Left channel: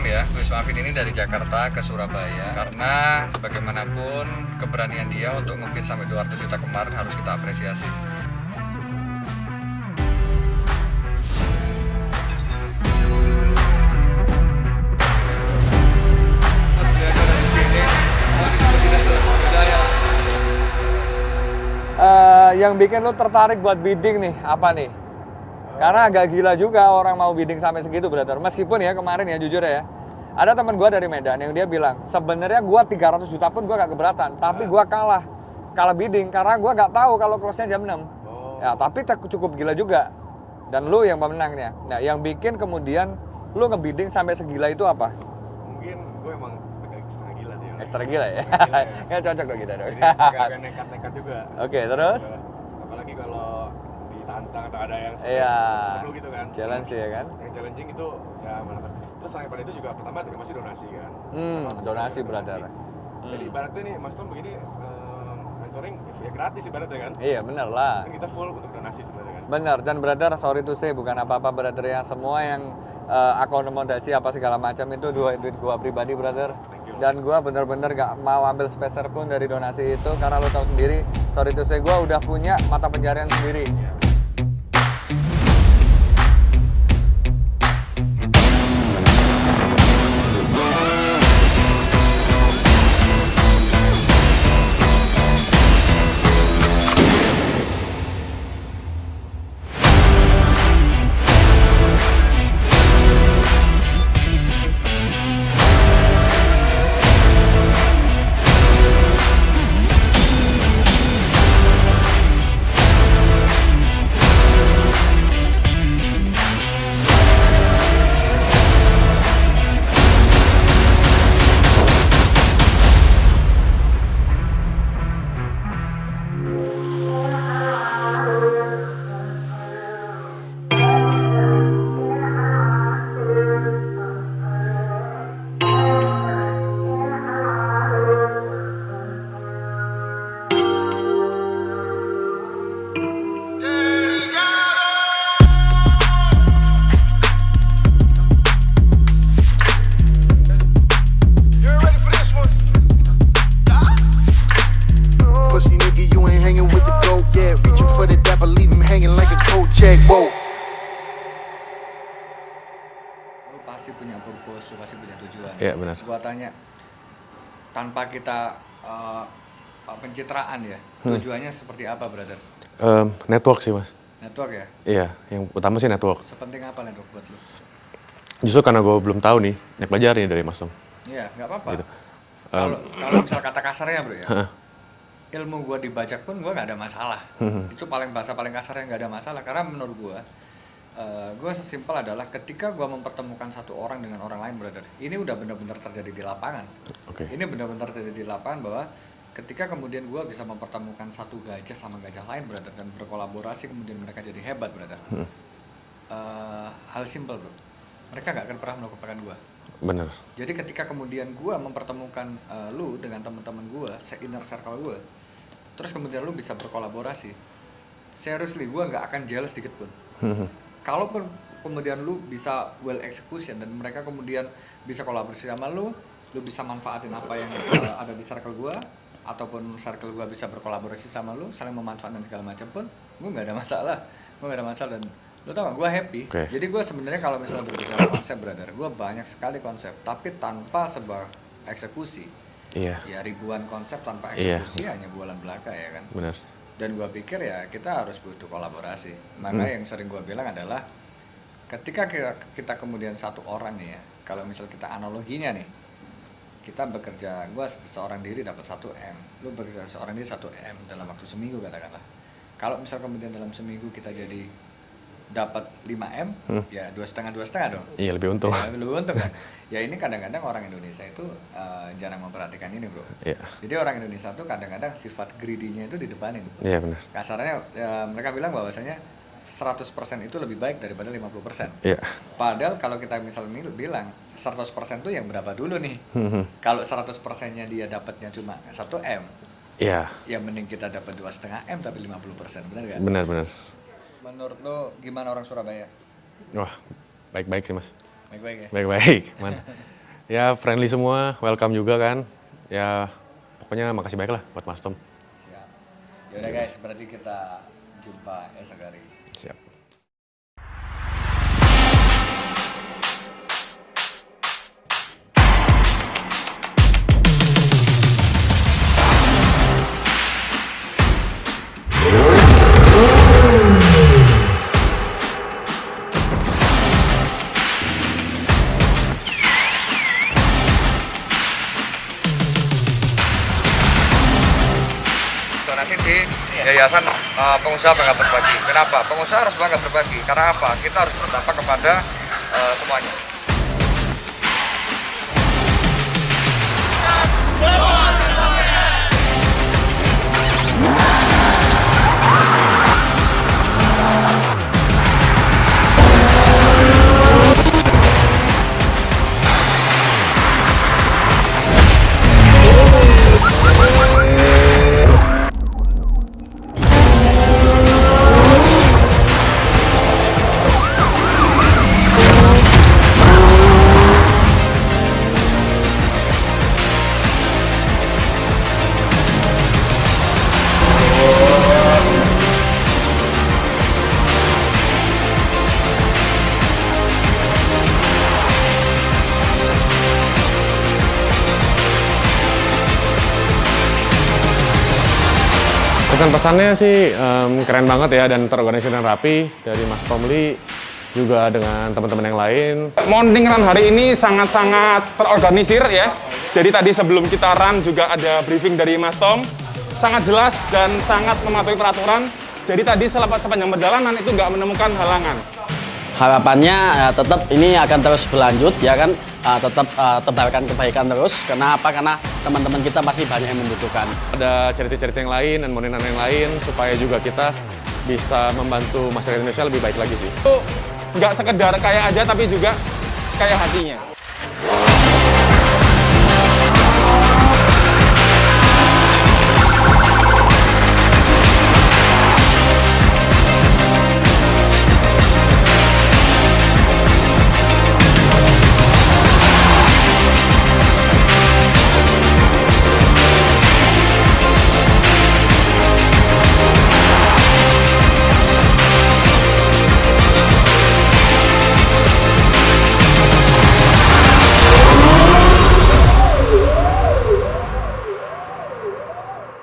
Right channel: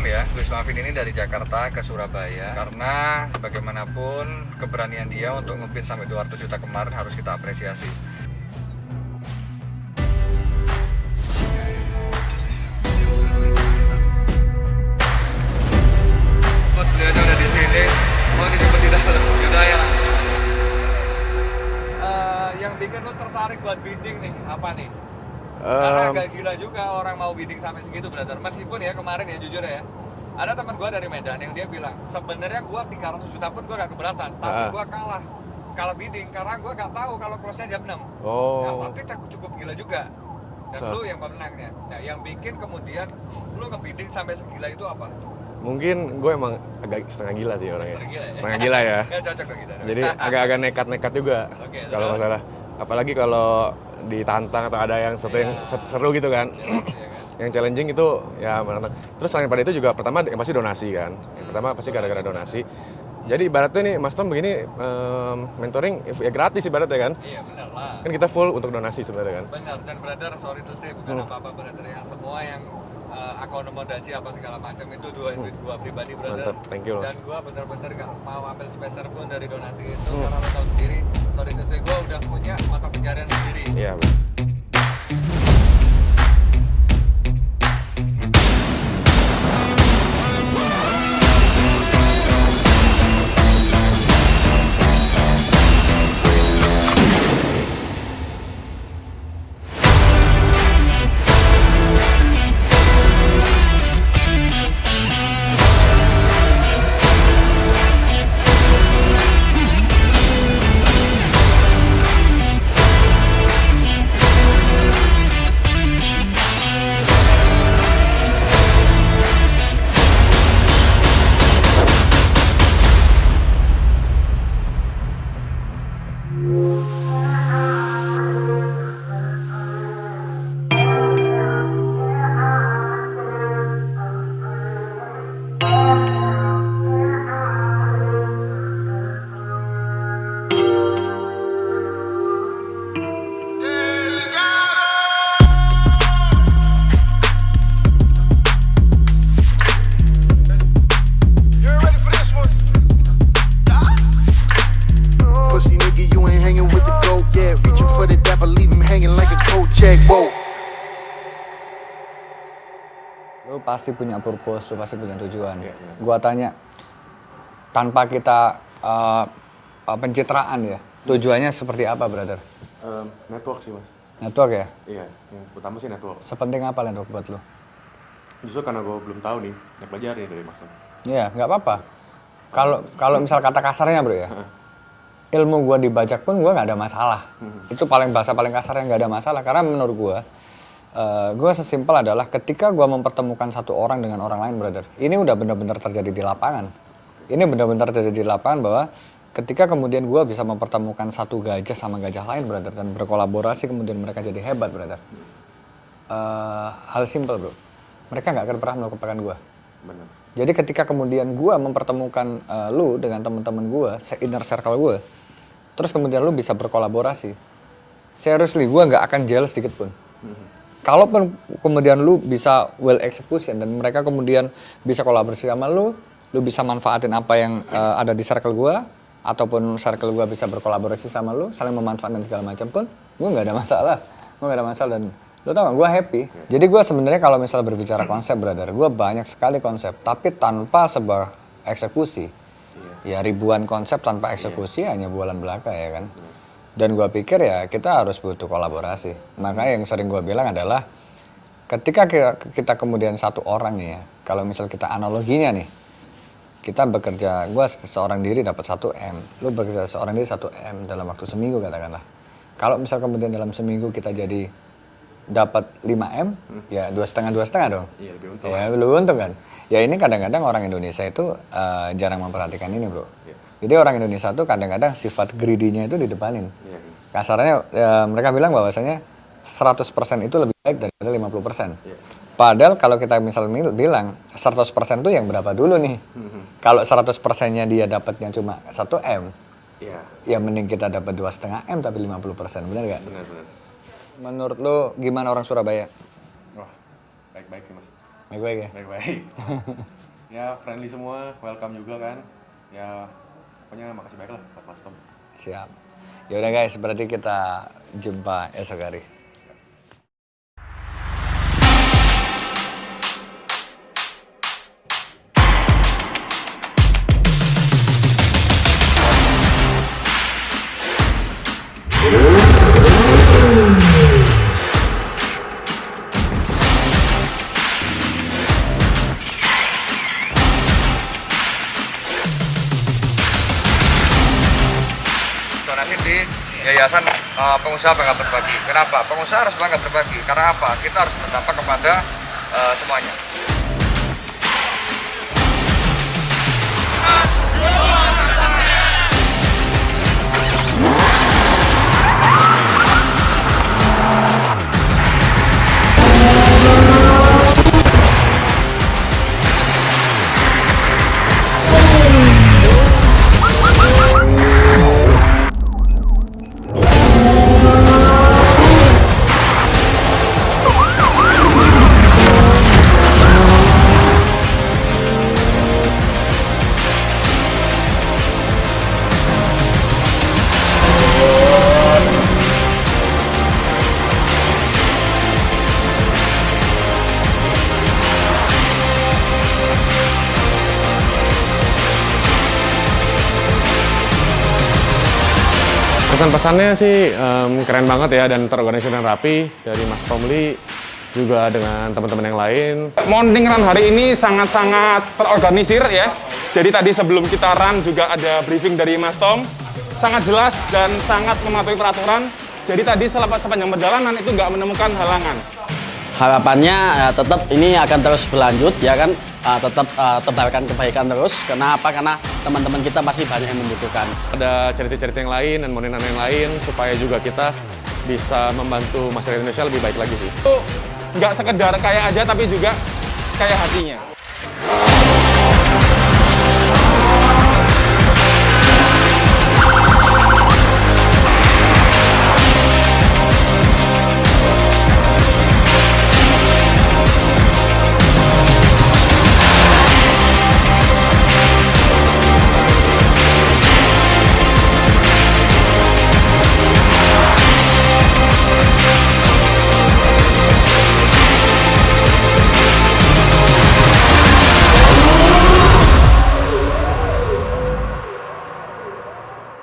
jam ya, Gus Mafin ini dari Jakarta ke Surabaya. Karena bagaimanapun keberanian dia untuk ngebid sampai 200 juta kemarin harus kita apresiasi. Beliaunya udah di sini, mau dijemput tidak sudah ya. Yang bikin lu tertarik buat bidding nih, apa nih? Karena agak gila juga orang mau bidding sampai segitu, brother. Meskipun ya kemarin ya jujur ya, ada teman gue dari Medan yang dia bilang sebenarnya gue 300 juta pun gue gak keberatan, tapi gue kalah bidding karena gue gak tahu kalau close-nya jam 6. Nah, tapi cukup gila juga. Dan lu yang pemenangnya. Nah, yang bikin kemudian lu ngebidding sampai segila itu apa? Mungkin gue emang agak setengah gila sih orangnya. Setengah gila ya? Setengah gila ya. Ya cocok dong kita. Jadi agak-agak nekat-nekat juga. Oke, kalau terus? masalah. Apalagi kalau ditantang atau ada yang sesuatu yang seru gitu kan. Challenge ya kan? Yang challenging itu ya menantang. Terus selain pada itu juga pertama yang pasti donasi kan. Pertama pasti gara-gara donasi. Jadi ibaratnya nih Mas Tom begini mentoring ya gratis ibaratnya kan. Iya benar lah. Kan kita full untuk donasi sebenarnya kan. Benar, dan brother sorry to say bukan apa-apa brother ya, semua yang akomodasi apa segala macam itu duit gua pribadi brother. Mantap, thank you. Dan gua bener-bener gak mau ambil speser pun dari donasi itu karena lo tahu sendiri, sorry to say gua udah punya mata pencarian sendiri. Iya. Pasti punya purpose, lu pasti punya tujuan. Iya benar. Gua tanya, tanpa kita pencitraan ya, tujuannya seperti apa brother? Network sih Mas. Network ya? Iya, yang utama sih network. Sepenting apa network buat lu? Justru karena gue belum tahu nih, belajar nih dari Mas Tom. Iya, nggak apa-apa. Kalau misal kata kasarnya bro ya, ilmu gua dibajak pun gua nggak ada masalah. Itu bahasa paling kasar yang nggak ada masalah. Karena menurut gua sesimpel adalah ketika gua mempertemukan satu orang dengan orang lain brother, ini udah benar-benar terjadi di lapangan. Okay. Ini benar-benar terjadi di lapangan bahwa ketika kemudian gua bisa mempertemukan satu gajah sama gajah lain brother dan berkolaborasi kemudian mereka jadi hebat brother. Hal simpel bro, mereka nggak akan pernah melupakan gua. Bener. Jadi ketika kemudian gue mempertemukan lu dengan teman-teman gue, inner circle gue, terus kemudian lu bisa berkolaborasi, seriously gue nggak akan jealous sedikit pun. Kalaupun kemudian lu bisa well execution dan mereka kemudian bisa kolaborasi sama lu bisa manfaatin apa yang ada di circle gue, ataupun circle gue bisa berkolaborasi sama lu, saling memanfaatkan segala macam pun, gue nggak ada masalah, dan lu tau gak, gue happy. Okay. Jadi gue sebenarnya kalau misalnya berbicara konsep brother, gue banyak sekali konsep, tapi tanpa sebuah eksekusi. Iya. Ya ribuan konsep tanpa eksekusi hanya bualan belaka ya kan. Bener. Dan gue pikir ya kita harus butuh kolaborasi. Makanya yang sering gue bilang adalah ketika kita kemudian satu orang nih ya, kalau misal kita analoginya nih, kita bekerja, gue seorang diri dapat 1 M, lu bekerja seorang diri 1 M dalam waktu seminggu katakanlah. Kalau misal kemudian dalam seminggu kita jadi dapat 5 M, ya 2,5 dong. Iya, lebih untung. Ya, lebih untung kan. Ya ini kadang-kadang orang Indonesia itu jarang memperhatikan ini bro. Iya. Jadi orang Indonesia tuh kadang-kadang sifat greedy-nya itu didepanin. Iya benar. Kasarnya mereka bilang bahwasanya 100% itu lebih baik daripada 50%. Iya. Padahal kalau kita misal bilang 100% itu yang berapa dulu nih? Kalau 100%-nya dia dapatnya cuma 1 M, Iya. ya mending kita dapat 2,5 M tapi 50%, benar nggak? Benar. Menurut lo gimana orang Surabaya? Wah, baik-baik sih Mas. Baik-baik ya? Baik-baik. Ya friendly semua, welcome juga kan. Ya pokoknya makasih banyak lah buat Mas Tom. Siap. Yaudah guys, berarti kita jumpa esok hari. Siap. Donasi di Yayasan Pengusaha Bangga Berbagi. Kenapa? Pengusaha harus bangga berbagi. Karena apa? Kita harus berdampak kepada semuanya. Pesan-pesannya sih keren banget ya dan terorganisir dan rapi dari Mas Tom Lee juga dengan teman-teman yang lain. Morning run hari ini sangat-sangat terorganisir ya. Jadi tadi sebelum kita run juga ada briefing dari Mas Tom. Sangat jelas dan sangat mematuhi peraturan. Jadi tadi sepanjang perjalanan itu nggak menemukan halangan. Harapannya tetap ini akan terus berlanjut ya kan, tetap tebarkan kebaikan terus. Kenapa? Karena teman-teman kita masih banyak yang membutuhkan. Ada cerita-cerita yang lain dan modelan yang lain supaya juga kita bisa membantu masyarakat Indonesia lebih baik lagi sih. Itu nggak sekedar kaya aja tapi juga kaya hatinya.